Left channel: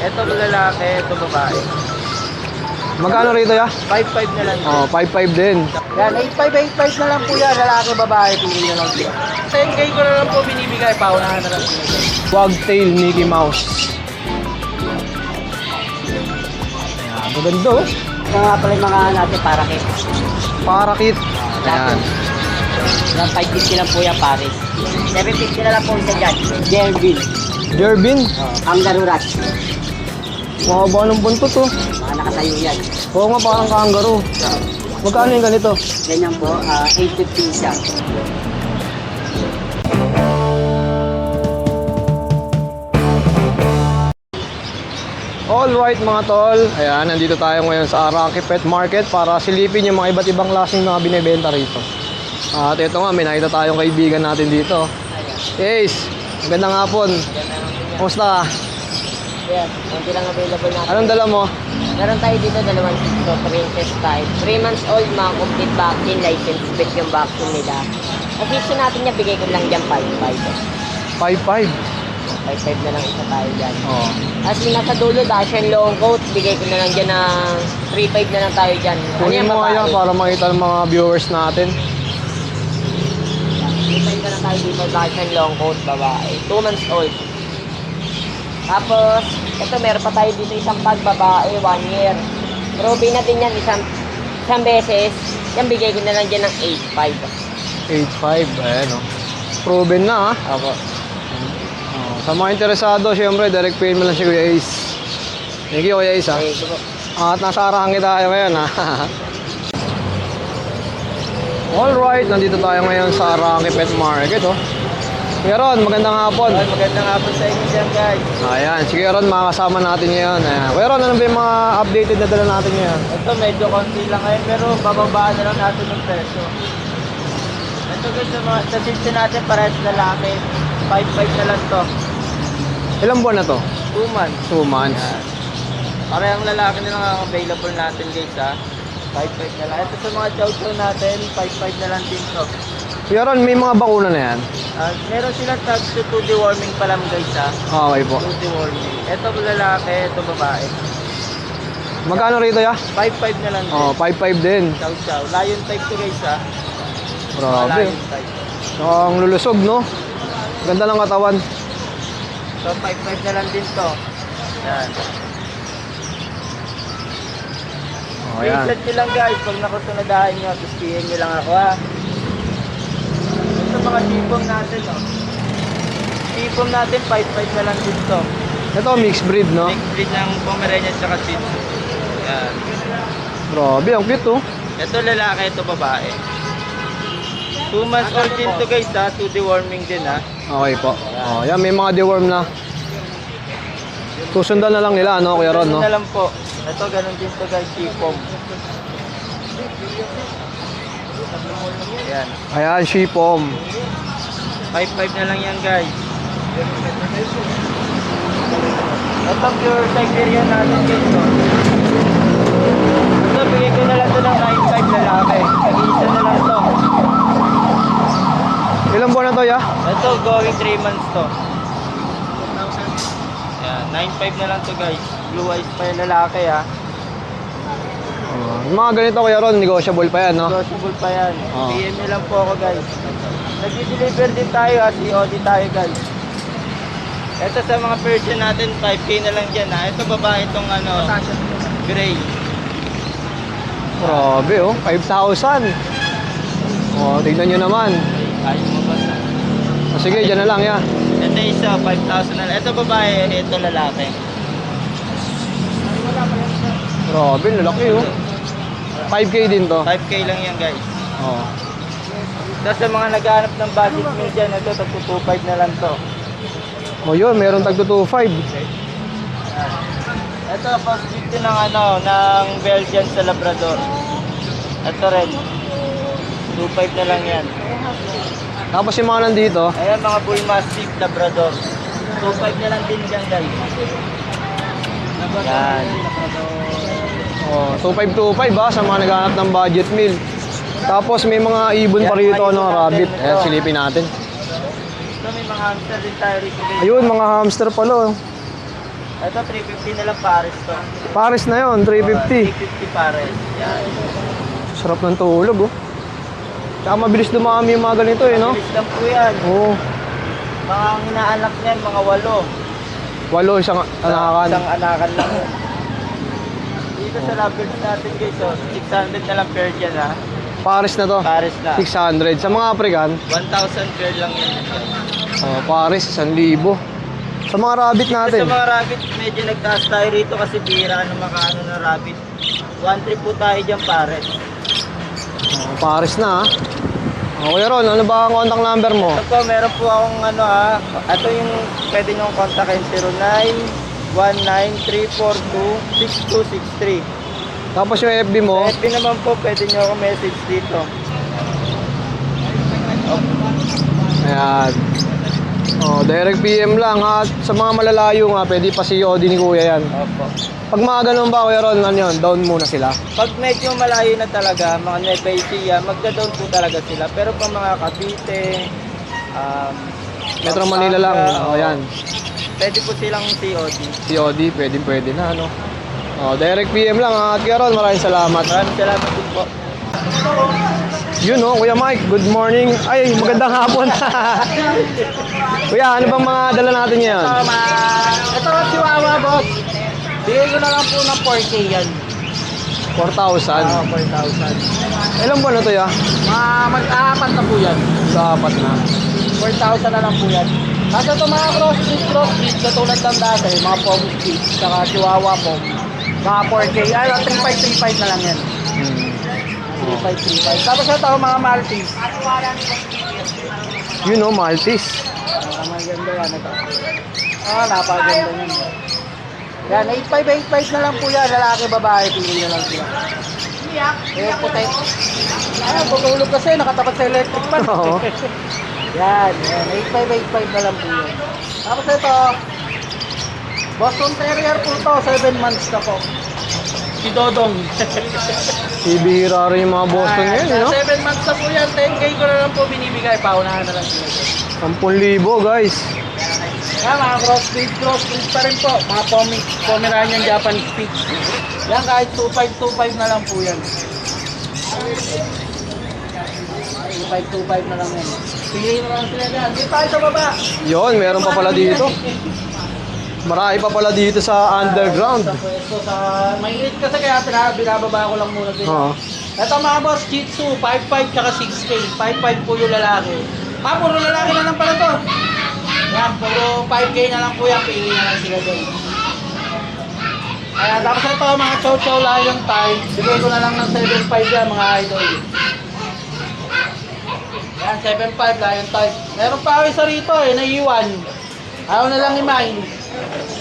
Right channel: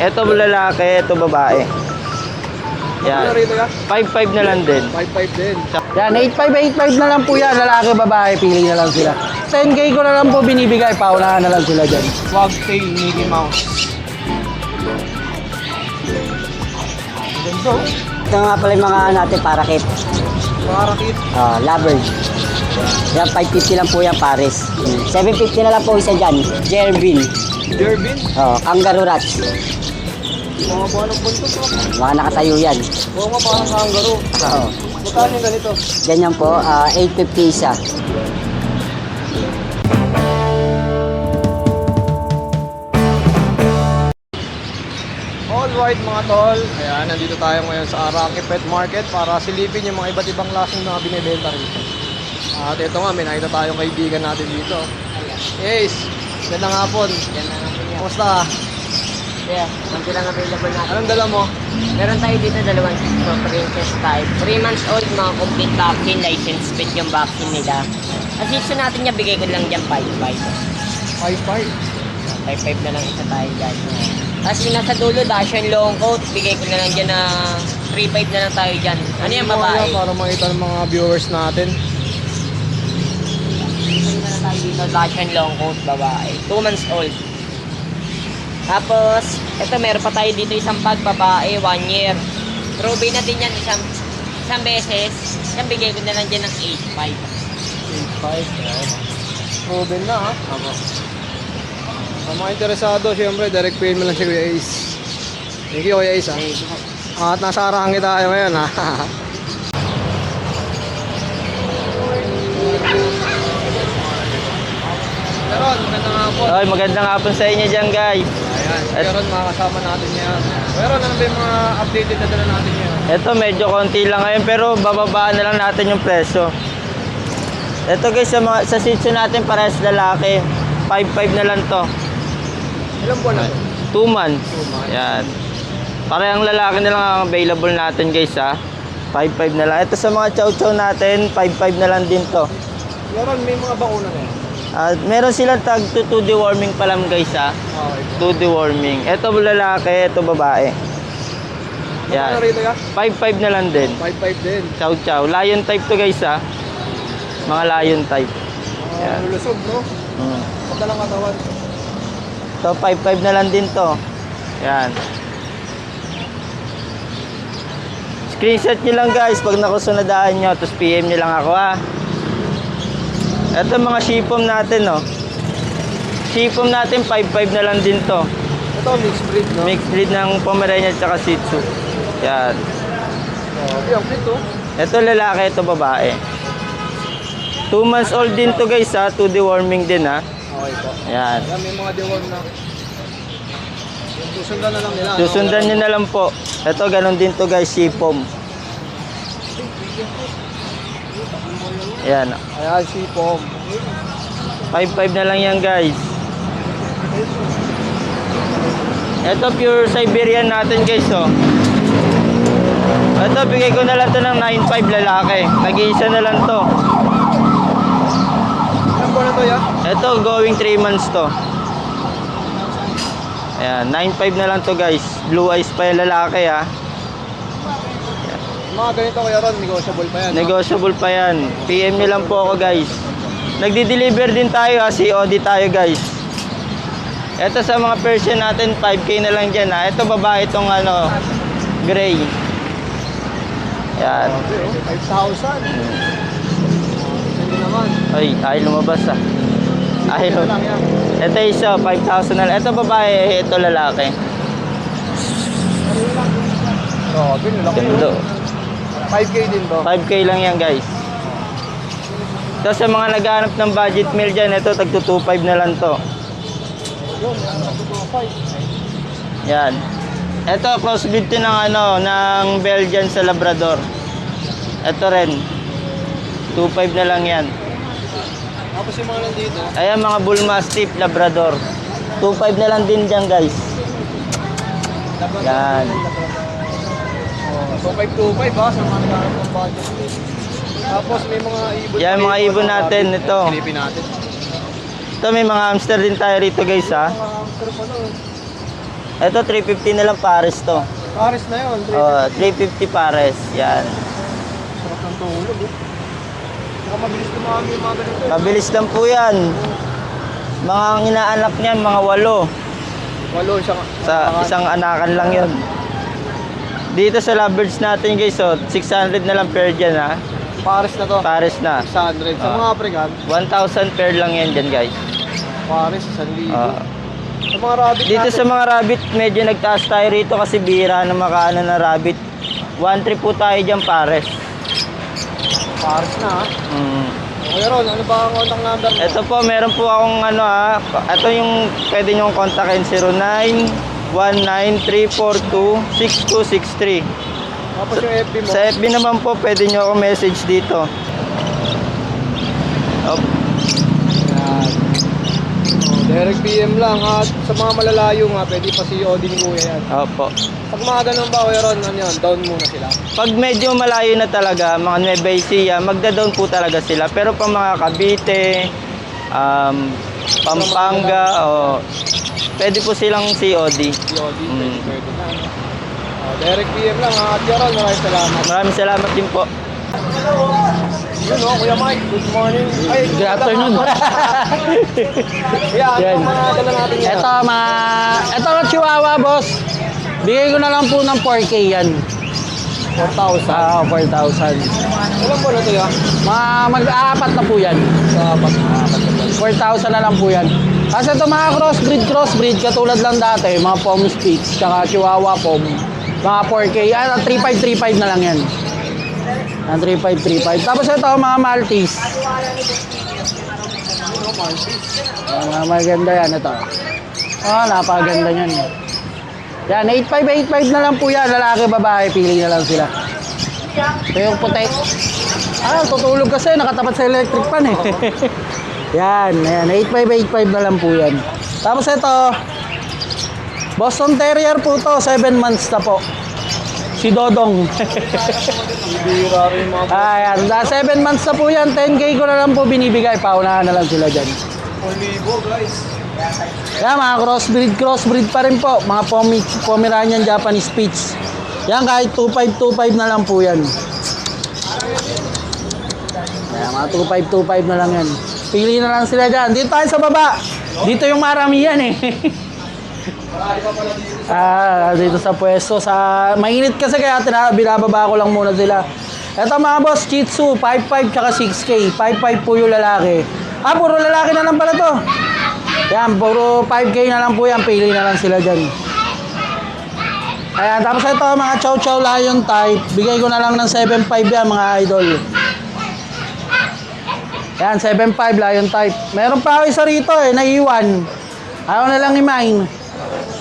Ito lalaki, ito babae. Magkano rito ya? 5-5 na lang din. Oh, 5-5 din. Yan, 8.5 na lang po yan. Lalaki, babae, pili niya lang sila. 10K ko na lang po binibigay. Paunahan na lang sila dyan. Wagtail Mickey Mouse. Maganda oh. Ito nga pala yung mga natin para kit. Parakit. Lagon. Yan, 550 lang po yan, Paris. 750 na lang po isa dyan. Erwin. Airbin. Kangaroo Rats. Mahaba ng buntot oh. Mga nakasayo yan. Oo nga, parang kangaroo. Magkano yung ganito? Ganyan po, 850 isa. Alright mga tol, ayan, nandito tayo ngayon sa Araki Pet Market para silipin yung mga iba't ibang klaseng mga binibenta rito. At ito nga, may nakita tayong kaibigan natin dito. Ace, gandang hapon. Kumusta? Yan, konti lang available natin. Anong dala mo? Meron tayo dito dalawang so princess type. 3 months old, mga complete vaccine, license fit yung vaccine nila. Ang season natin niya, bigay ko lang dyan 5.5. 5-5. 5.5 na lang isa tayo dyan. Oh. Tapos yung nasa dulo, Dashan long coat, bigay ko na lang dyan ng 3.5 na lang tayo dyan. Ano yung babae? Para makita ng mga viewers natin. 3.5 na lang tayo dito, Dashan long coat, babae. 2 months old. Tapos, ito meron pa tayo dito isang bag, babae, 1 year. Probe na din yan isang beses. Yan, bigay ko na lang dyan ng 8.5. 8-5, ayan oh. Proven na ah. Opo. Sa mga interesado, syempre, direct pay mo lang si Kuya Ace. Thank you, Kuya Ace, ha? At nasa Araki tayo ngayon, ha? Alright, nandito tayo ngayon sa Araki Pet Market, oh. Kuya Ron, magandang hapon. Well, magandang hapon sa inyo dyan, guys. Ayan, si Kuya Ron, makakasama natin ngayon. Ayan. Kuya Ron, ano ba yung mga updated na dala natin ngayon? Ito medyo konti lang ngayon pero bababaan na lang natin yung presyo. Ito guys, sa season natin parehas lalaki. 5-5 na lang to. Ilang buwan na to? 2 months. 2 months. Yan. Parehang lalaki na lang ang available natin guys ha. 5-5 na lang. Ito sa mga chow-chow natin, 5-5 na lang din to. Kuya Ron, may mga bakuna na yan? Meron silang tag to deworming pa lang guys ha. Okay po. To deworming. Ito lalaki, ito babae. Magkano Yan. rito, ya? 5-5 na lang din. Oh, 5-5 din. Chow-chow. Lion type to guys ha. Mga Grabe. lion type. Ang lulusog, no? Ganda ng katawan. So 5-5 na lang din to. Yan. Screenshot nyo lang guys pag nakusunadahan nyo. Tapos PM nyo lang ako ha. Ito mga shipom natin oh. Shipom natin 5-5 na lang din to. Ito, mixed breed, no? Mixed breed ng Pomeranian at Shih Tzu. Yan. Grabe, ang cute, oh. Ito lalaki, ito babae. 2 months old din to guys ha. 2 deworming din ha. Okay po. Ayan. Oh, yan, may mga deworm na. Susundan na lang nila, ano? Susundan nyo na lang po. Ito ganun din to guys, shipom. Ayan. Ayan, shipom. 5-5 na lang yan guys. Ito pure Siberian natin guys oh. Ito bigay ko na lang to ng 9.5 lalaki. Nag-iisa na lang to. Ilang buwan na to, ya? Ito going 3 months to. Ayan, 9.5 na lang to guys. Blue eyes pa yung lalaki ha. Yung mga ganito, Kuya Ron, negotiable pa yan, no? Negotiable pa yan. PM nyo lang po ako guys. Nagdi-deliver din tayo ha. COD tayo guys. Ito sa mga Persian natin, 5K na lang dyan ha. Ito babae itong ano, gray. Yan. Grabe, oh. 5,000. Oh, tignan nyo naman. Ay, tayo lumabas ha. Sige, dyan na lang, ya. Ito isa, 5,000 na lang. Ito babae, ito lalaki. Grabe, lalaki, Ito. oh. 5K din to. 5K lang yan guys. Oh. Tapos sa mga naghahanap ng budget meal dyan, ito tagto 2.5 na lang to. Oh, yun, meron tagto 2.5. Yan. Ito crossbreed to ng ano, ng Belgian sa Labrador. Ito rin. 2.5 na lang yan. Tapos yung mga nandito, Ayan mga Bull Mastiff Labrador. 2.5 na lang din dyan guys. Yan. oh, 2.5 ba sa mga naghahanap ng budget meal. Tapos may mga ibon Yan, pa rito. mga ibon no, natin, rabbit. ito. Ayan, silipin natin. Ito may mga hamster din tayo rito guys Ayun, ha. mga hamster pala, oh. Ito 350 na lang pares to. Pares na yun, 350. 350 pares. Yan. Sarap ng tulog, oh. Tsaka mabilis dumami yung mga ganito, eh, no? Mabilis lang po yan. Oo. Mga inaanak niyan, mga 8. 8 isang Sa isang anakan lang yun. Dito sa lovebirds natin guys, so 600 na lang per dyan ha. Pares na to. Pares na. 600. Sa mga African, 1,000 pair lang yan dyan guys. Pares, 1,000. Ah. Sa mga rabbit Dito natin. sa mga rabbit, medyo nagtaas tayo rito kasi bihira na makaano ng rabbit. 1,300 po tayo dyan pares. Pares na, ha? Mm. Okay, Ron, ano ba ang contact number mo? Ito po, meron po akong ano ha. Ito yung pwede nyong kontakin 0919-342-6263. Tapos yung FB mo? Sa FB naman po, pwede nyo ako message dito. Ayan. Direct PM lang, ha? Sa mga malalayo nga, pwede pa si Yodi ni Kuya yan. Opo. Pag mga ganun ba, Kuya Ron, ano yun? Down muna sila. Pag medyo malayo na talaga, mga Nueva Ecija, magda-down po talaga sila. Pero pag mga Cavite, Metro Manila lang. oo, Ayan. pwede po silang COD. Si Yodi, pwede na, ano? Direct PM lang, ha? At Kuya Ron, maraming salamat. Maraming salamat din po. Yun, oh, Kuya Mike, good morning. Ay, magandang hapon. Kuya, ano bang mga dala natin ngayon? Ito ang Chihuahua, boss. Bigay ko na lang po ng 4K yan. 4,000. 4,000. Ilan buwan na to, ya? Mag-aapat na po yan. Sa apat na. 4,000 na lang po yan. Kasi ito mga crossbreed, katulad lang dati, mga Pom Spitz, saka Chihuahua Pom, mga 4K, 3,535 na lang yan. Ang 3,535. Tapos ito, mga Maltese. Yun, oh, Maltese. Maganda yan, ito. Napakaganda yan. Yan, 8,585 na lang po yan. Lalaki, babae, pili na lang sila. Pero puti. Tutulog kasi, nakatapat sa electric pan eh. Oo. Yan, 8,585 na lang po yan. Tapos ito, Boston Terrier po to, 7 months na po. Si Dodong. Ibihira rin yung mga Boston yun, no? 7 months na po yan, 10K ko na lang po binibigay. Paunahan na lang sila dyan. 10,000, guys. Yan, mga crossbreed pa rin po. Mga Pomeranian Japanese Spitz. Yan, kahit 2,525 na lang po yan. Yan, mga 2,525 na lang yan. Pili na lang sila dyan. Dito tayo sa baba. Yun, Dito meron yung pa pala marami yan dito. eh. Marami pa pala dito sa Dito underground. sa pwesto. Mainit kasi kaya binababa ko lang muna sila. Oo. Ito mga boss, Shih Tzu, 5,500 tsaka 6K. 5,500 po yung lalaki. Puro lalaki na lang pala to. Yan, puro 5K na lang po yan. Pili na lang sila dyan. Ayan, tapos ito mga Chow Chow Lion type. Bigay ko na lang ng 7,500 yan mga idol. Yan, 7,500 Lion type. Meron pa ako isa rito naiiwan. Ayaw na lang i-mine.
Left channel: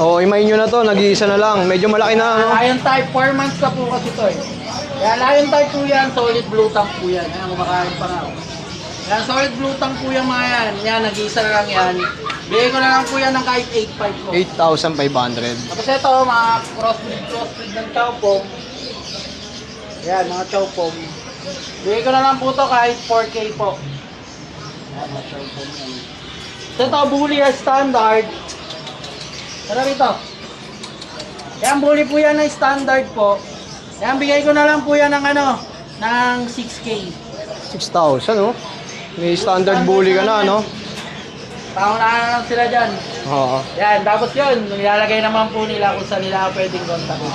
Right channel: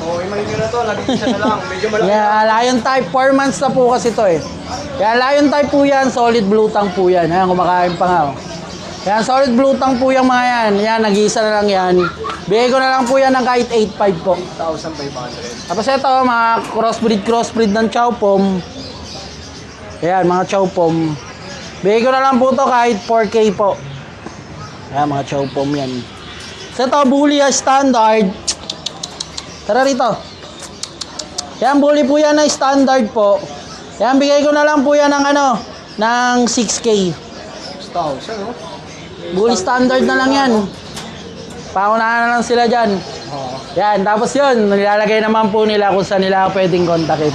Oo, imayin nyo na to. Nag-iisa na lang. Medyo malaki Kaya na. Lion type, 4 months na po kasi to Kaya Lion type po yan, solid blue tongue po yan. Ayan, kumakain pa nga. Kaya solid blue tongue po yung mga yan. Yan, nag-iisa na lang yan. Bigay ko na lang po yan ng kahit 8,500 po. 8,500. Tapos ito, mga crossbreed ng Chow Pom. Ayan, mga Chow Pom. Bigay ko na lang po to kahit 4K po. Ayan, mga Chow Pom yan. So ito, Bully standard. Tara rito. Ayan, Bully po yan na standard po. Ayan, bigay ko na lang po yan ng ng 6K. 6,000, oh. May Bully standard bully na ka lang yan. no? Paunahan na lang sila dyan. Oo. Yan, tapos yun, nilalagay naman po nila kung saan nila pwedeng kontakin.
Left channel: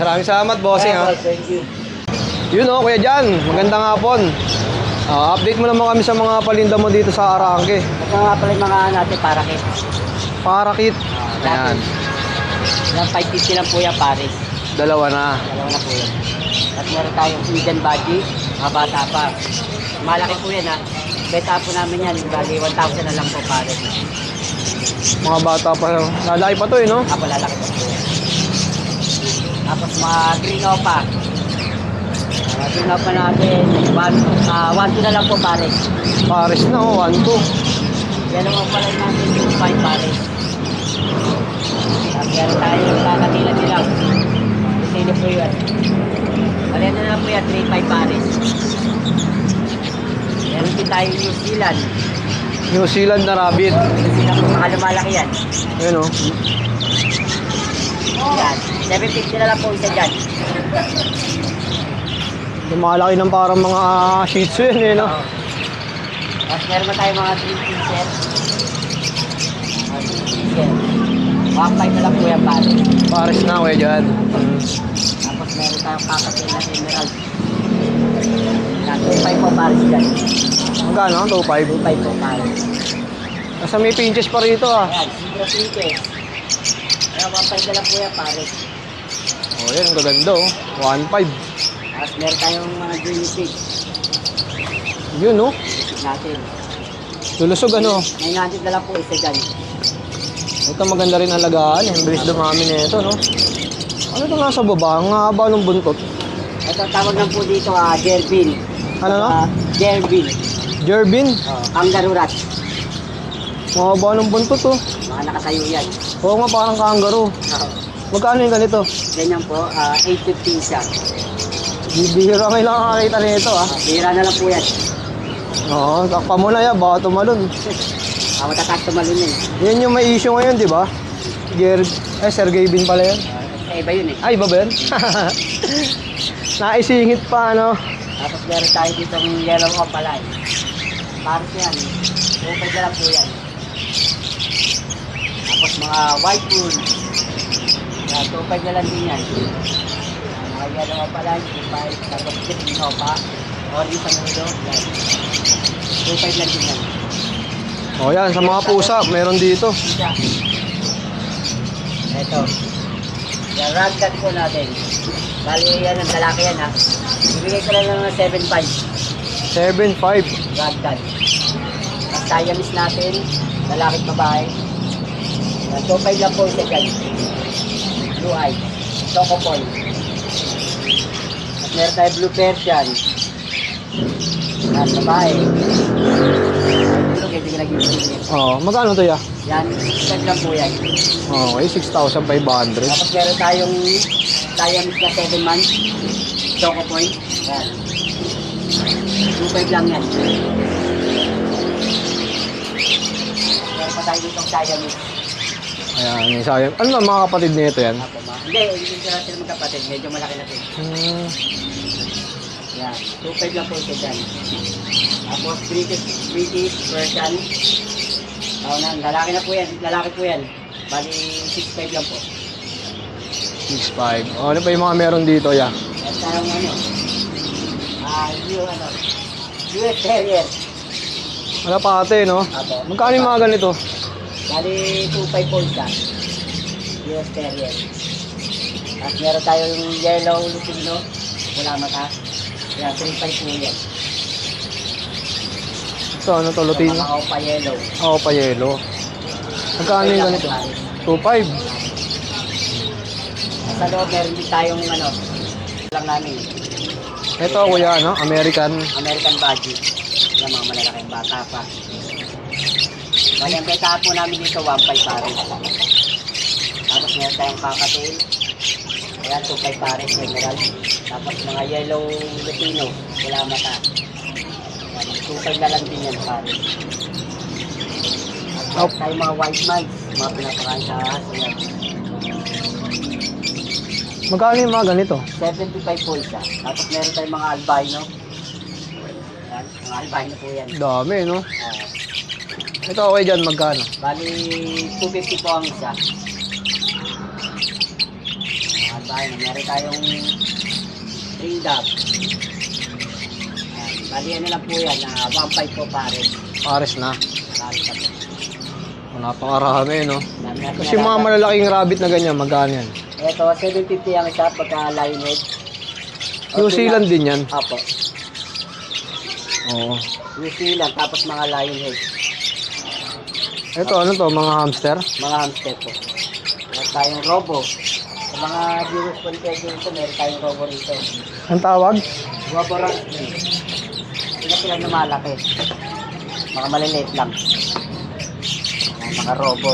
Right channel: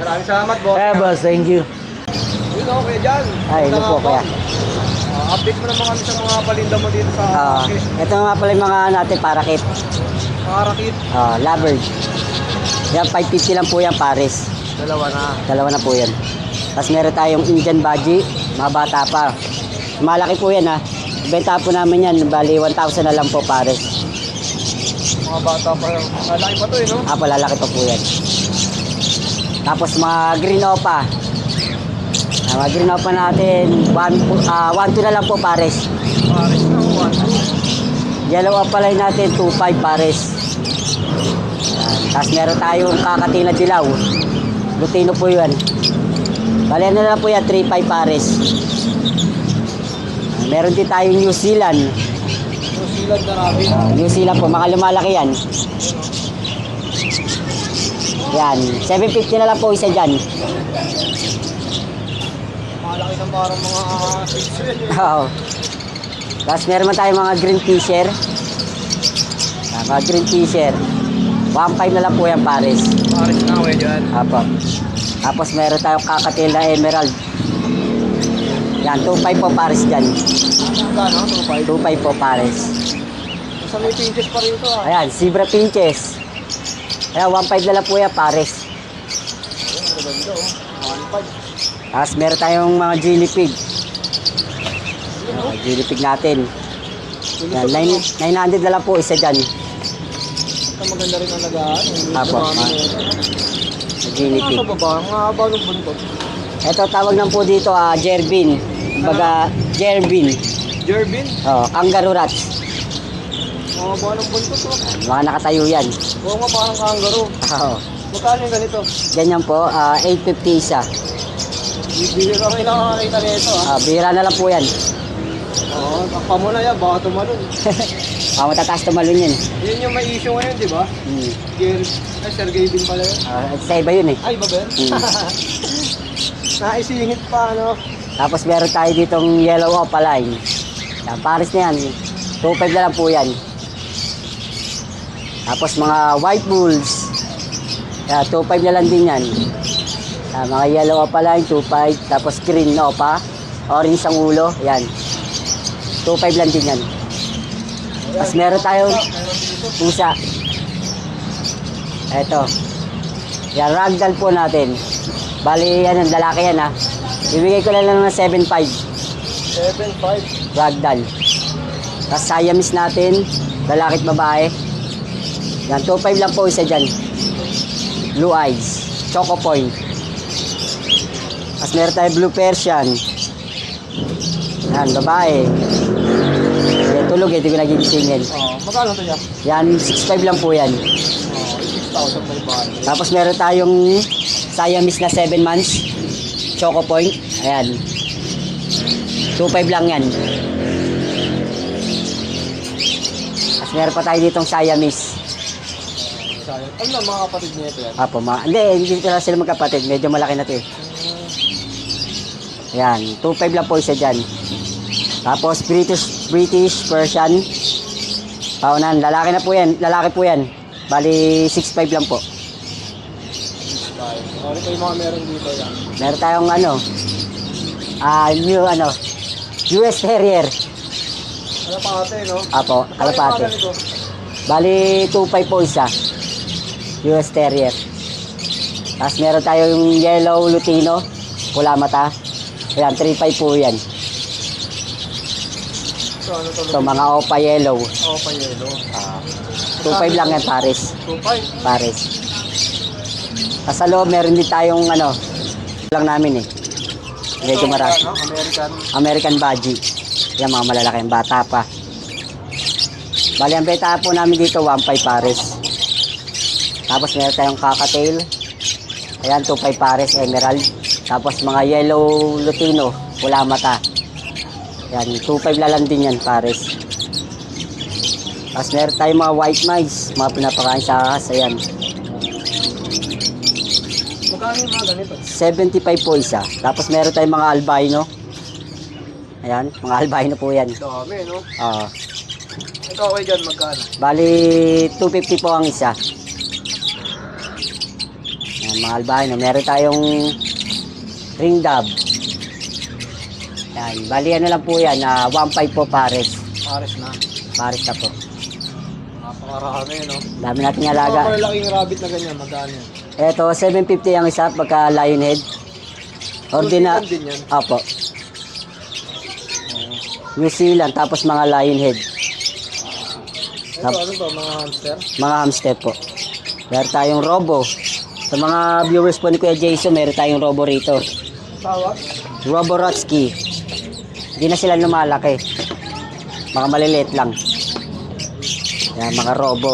Maraming salamat, bossing. Ayan, boss, thank you. Yun, oh, Kuya Jan. Magandang Ay, ito po, hapon. Update mo naman kami sa mga palinda mo dito sa Arangke. Ito nga pala yung mga natin para kit. Parakit. Laban. Yan, 550 lang po yan, pares. Dalawa na. Dalawa na po yan. Tapos meron tayong Indian Budgie, mga bata pa. Malaki po yan Benta po namin yan, bali 1,000 na lang po pares. Mga bata pa. Lalaki pa to, no? Palalaki pa po yan. Tapos mga Green Opa. Mga Green Opa natin, 1,2 na lang po pares. Pares na, oh. 1,2. Yellow Opalay natin, 2,500 pares. Tapos meron tayong kakatina dilaw. Lutino po yun. Bali na lang po yan, 3,500 pares. Meron din tayong New Zealand. New Zealand na rabbit. New Zealand po, mga lumalaki yan. Ayun, oh. Yan, 750 na lang po isa dyan. Yung mga laki ng parang mga Shih Tzu yun, eh, no? Oo. Tapos meron man tayong mga green fisher. Mga green fisher. 1.5 na lang po yan, pares. Pares na ako dyan. Apo. Tapos meron tayong kakatil na emerald. Yan, 2.5 po pares dyan. Magkano? 2.5. 2.5 po pares. Nasa may pinches pa rito, ah. Ayan, zebra pinches. Ayan, 1.5 na lang po yan, pares. Oh, yan, ang gaganda, oh. 1.5. Tapos meron tayong mga guinea pig. Yun, no? Guinea pig natin. Lulusog, Yan, ano? 900 na lang po isa dyan. Ito maganda rin alagaan. Ang bilis Apo. dumami nito, no? Ano nga sa baba? Ang haba ng buntot. Ito, tawag lang po dito, Jervin. Baga, Jervin. Jervin. Oh, kangaroo rats. Mahaba ng buntot, oh. Mga nakasayo yan. Oo nga, parang kangaroo. Oo. Magkano yung ganito? Ganyan po, 850 isa. Bibigyan kayo lang nakakita nito, ah. Bihira na lang po yan. Oo, takpa mo na yan. Baka tumalon. Matataas tumalon yun. Yan yung may issue ngayon, di ba? Sergey Bin pala yan. Sa iba yun eh. Ay, iba ba yan? Naisingit pa, ano? Tapos meron tayo ditong yellow opaline. Paris na yan. 2.5 na lang po yan. Tapos mga white bulls. 2.5 na lang din yan. Mga yellow opaline, 2.5. Tapos green na opa. Orange ang ulo. Yan. 2.5 lang din yan. O yan, Tapos yung meron mga pusa, tayong- meron dito. Pusa. Ito. Yan, ragdoll po natin. Bali, yan, ang lalaki yan ha. Bibigay ko lang ng 7.5. 7.5. Ragdoll. Tapos Siamese natin, lalaki at babae. Yan, 2.5 lang po isa dyan. Blue eyes. Choco point. Tapos meron tayo blue Persian. Yan, babae. Tulog eh, di ko nagigisingin. Oh, magkano to ya? Yan, 6.5 lang po yan. Okay, 6,500. Tapos meron tayong Siamese na 7 months. Choco point. Ayan. 2.5 lang yan. Tapos meron pa tayo ditong Siamese. Ayan, yung sayang. Ano ang mga kapatid nito yan? Apo, hindi ko na sila magkapatid. Medyo malaki na ito eh. Ayan, 2.5 lang po isa dyan. Tapos British Persian. Paunan, lalaki na po yan. Lalaki po yan. Bali, 6.5 lang po. 6.5. Oh, ano pa yung mga meron dito, ya? Meron tayong US Terrier. Ano pa ate, no? Apo. Magkano yung mga alpate. ganito? Bali, 2.5 po isa. US Terrier. Tapos meron tayong yellow Lutino. Pula mata. Ayan, 3.5 po yan. So, ano to, So, Lutino? mga opa yellow. Oh, payelo. 2.5 lang yan, Paris. 2.5. Paris. Tapos sa loob, meron din tayong lang namin eh. Ito, Medyo wala, marami. no? American. American Budgie. Yan, mga malalaki, yung bata pa. Bali, ang beta po namin dito, 1.5 Paris. Tapos meron tayong cocktail. Ayan, 2.5 Paris, emerald. Tapos mga yellow Lutino, pula mata. Yan, 2.5 na lang din yan, Paris. Tapos meron tayong mga white mice, mga pinapakain sa ahas, ayan. Magkano yung mga ganito? 75 po isa. Tapos meron tayong mga albino. Ayan, mga albino po yan. Dami, no? Ito okay dyan, magkano? Bali, 250 po ang isa. Ayan, mga albino. Meron tayong ring dove. Ayan, bali ano lang po yan, 1.5 po Paris. Pares na. Paris na po. Napakarami, no? Dami natin Yung mga alaga. malalaking rabbit na ganyan, magkano yan? Ito, 750 ang isa pagka lionhead. New Zealand din yan? Apo. Oo. New Zealand, tapos mga lionhead. Ito, ano to, mga hamster? Mga hamster po. Meron tayong robo. Sa mga viewers po ni Kuya Jason, meron tayong robo rito. Ang tawag? Robo Rotsky. Hindi na sila lumalaki. Mga maliliit lang. Yan, mga robo.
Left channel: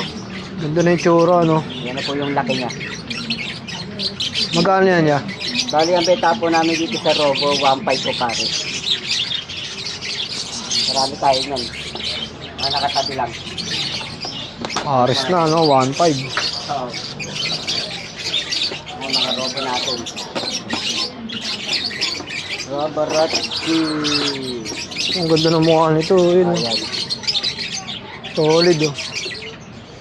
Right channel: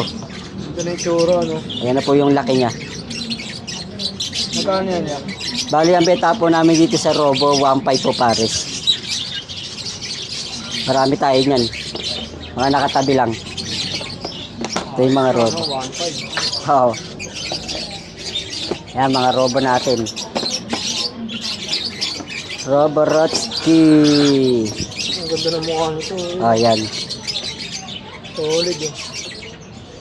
Ganda na yung tsura, no? Ayan na po yung laki niya. Magkano yan, ya? Bali, ang beta po namin dito sa robo, 1.5 po Paris. Marami tayo niyan. Mga nakatabi lang. Pares mga na, red. no? 1.5. Oo. Ayan, mga robo natin. Roboratsky. Ang ganda ng mukha nito. Yun. Ayan. Solid oh.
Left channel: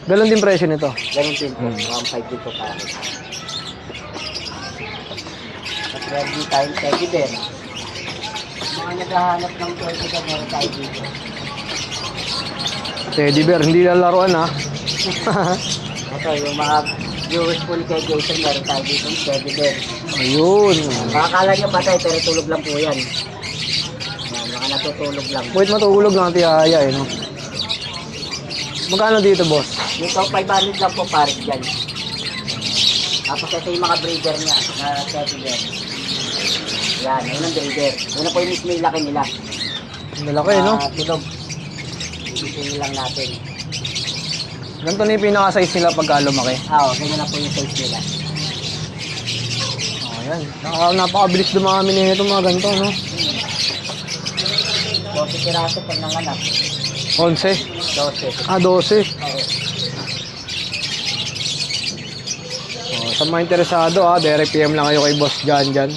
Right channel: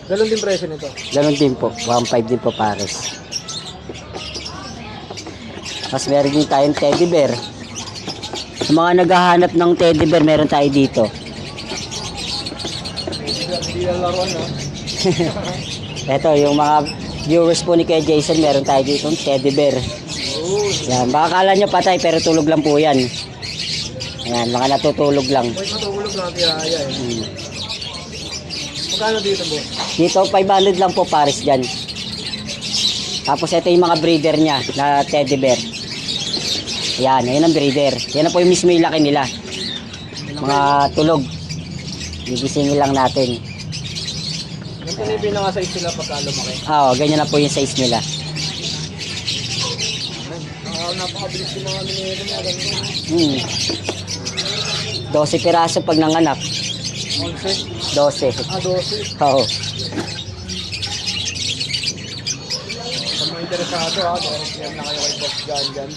Ganon din presyo nito. Ganon din po. 1.5 din po pares. Tapos meron din tayong teddy bear. Sa mga naghahanap ng teddy bear, meron tayo dito. Teddy bear, hindi lalaroan ha. Ito, yung mga viewers po ni Kuya Jason, meron tayo dito ng teddy bear. Ayun. Yan, baka kala nyo patay, pero tulog lang po yan. Ayan, mga natutulog lang. Wait, matulog lang tihaya eh. No? Magkano dito, boss? Dito, 500 lang po pares dyan. Tapos ito yung mga breeder niya na teddy bear. Yan, yun ang breeder. Yan na po yung mismo yung laki nila. Malaki, no? Tulog. Gigisingin lang natin. Ganito na yung pinaka-size nila pagka lumaki. Ganyan na po yung size nila. Ayan. Napakabilis dumami na ito mga ganito, no? 12 piraso pag nanganak. 11. 12. 12. Oo. Sa mga interesado direct PM lang kayo kay Boss John dyan.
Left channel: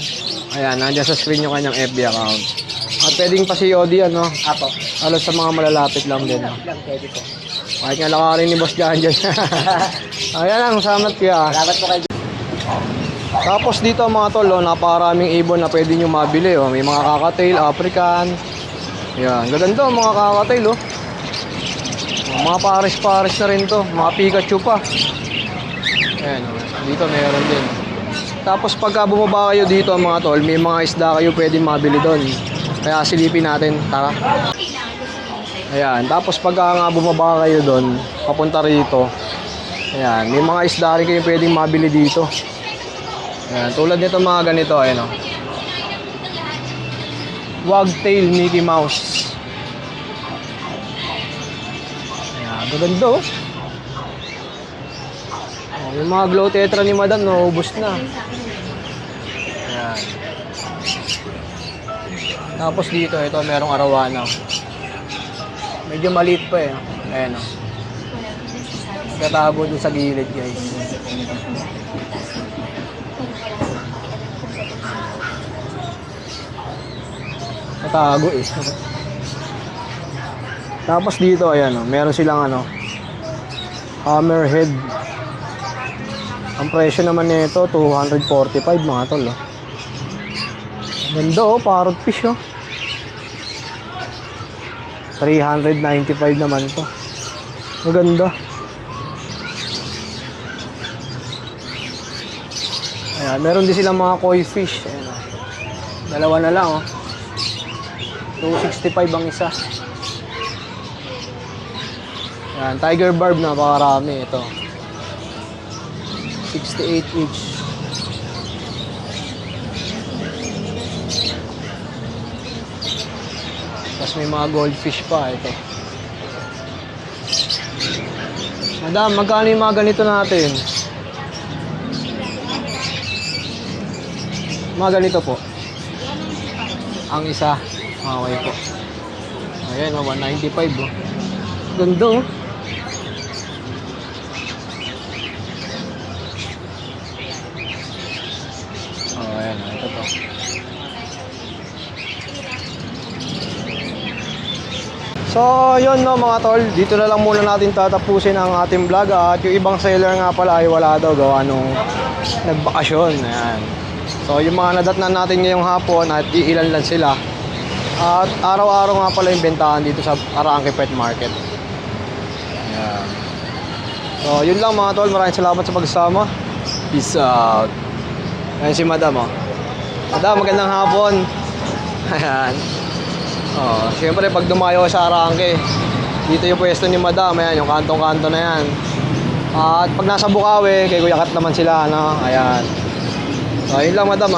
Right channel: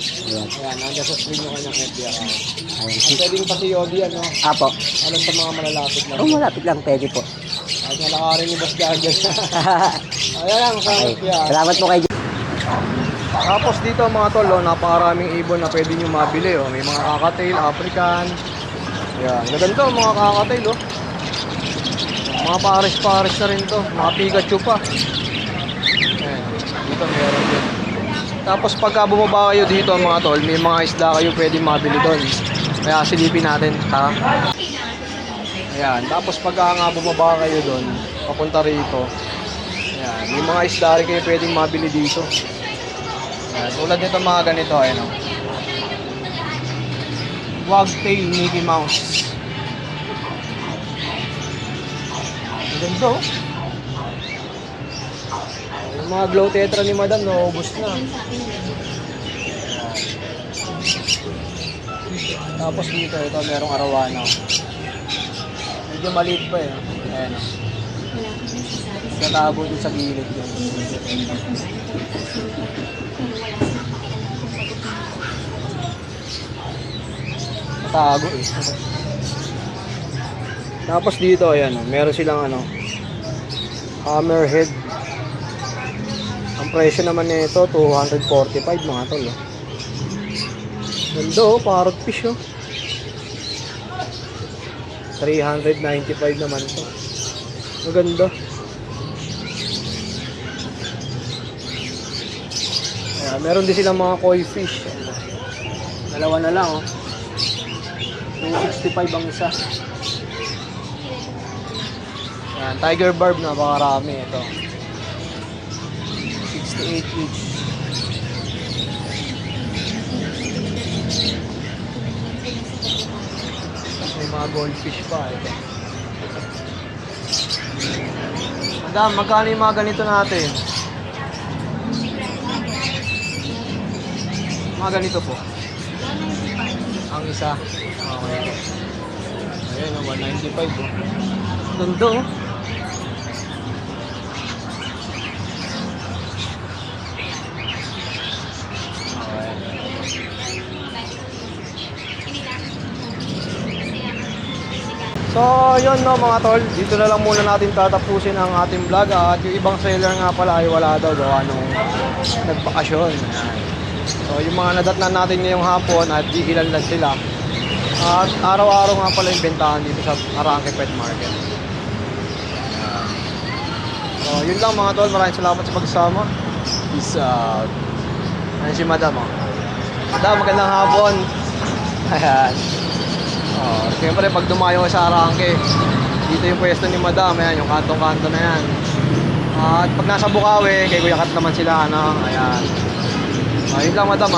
Ayan, nandiyan sa screen yung kanyang FB account. At pwedeng pa-COD, ano? Apo. Alos sa mga malalapit lang din. Malapit lang, pwede po. Kahit nga lang rin ni Boss John dyan. Ayan lang, salamat kaya. Salamat po kay Tapos dito mga tol, napakaraming ibon na pwede nyo mabili. May mga kakatail, African. Ayan, gaganda mga kakatail. Mga pares-pares na rin to. Mga Pikachu pa. Ayan, dito meron din. Tapos pagka bumaba kayo dito mga tol, may mga isda kayo pwedeng mabili doon. Kaya silipin natin. Ayan, tapos pagka nga bumaba kayo doon, papunta rito. Ayan, may mga isda rin kayo pwedeng mabili dito. Ayan, tulad nito mga ganito, ayan o. Wagtail Mickey Mouse. Ayan, maganda o. Yung mga glow tetra ni madam, naubos na. Ayan. Tapos dito, ito merong arawana. Medyo maliit pa eh. Ayan o. Katabo dun sa gilid guys. Tago eh. Tapos dito ayan meron silang hammerhead. Ang presyo naman nito 245 mga tol. Ganda parrot fish 395 naman to. Maganda. Ayan, meron din silang mga koi fish. Dalawa na lang 265 ang isa. Ayan, tiger barb napakarami ito. 68 each. Tapos may mga goldfish pa ito. Madam, magkano yung mga ganito natin? Mga ganito po. Ang isa. Okay po. Ayan, 195 Ganda Ayan, ito po. So, yun mga tol. Dito na lang muna natin tatapusin ang ating vlog. At yung ibang seller nga pala ay wala daw gawa nung nagbakasyon. Ayan. So, yung mga nadatnan natin ngayong hapon at iilan lang sila. At araw-araw nga pala yung bentahan dito sa Arangke Pet Market. Ayan. So, yun lang mga tol. Maraming salamat sa pagsama. Peace out. Ayan si Madam Madam, magandang hapon. Ayan. Siyempre pag dumayo sa Arangke, dito yung pwesto ni Madam. Ayan, yung kantong-kanto na yan. At pag nasa Bukawi, kay Kuya Kat naman sila. Ayan. So, yun lang Madam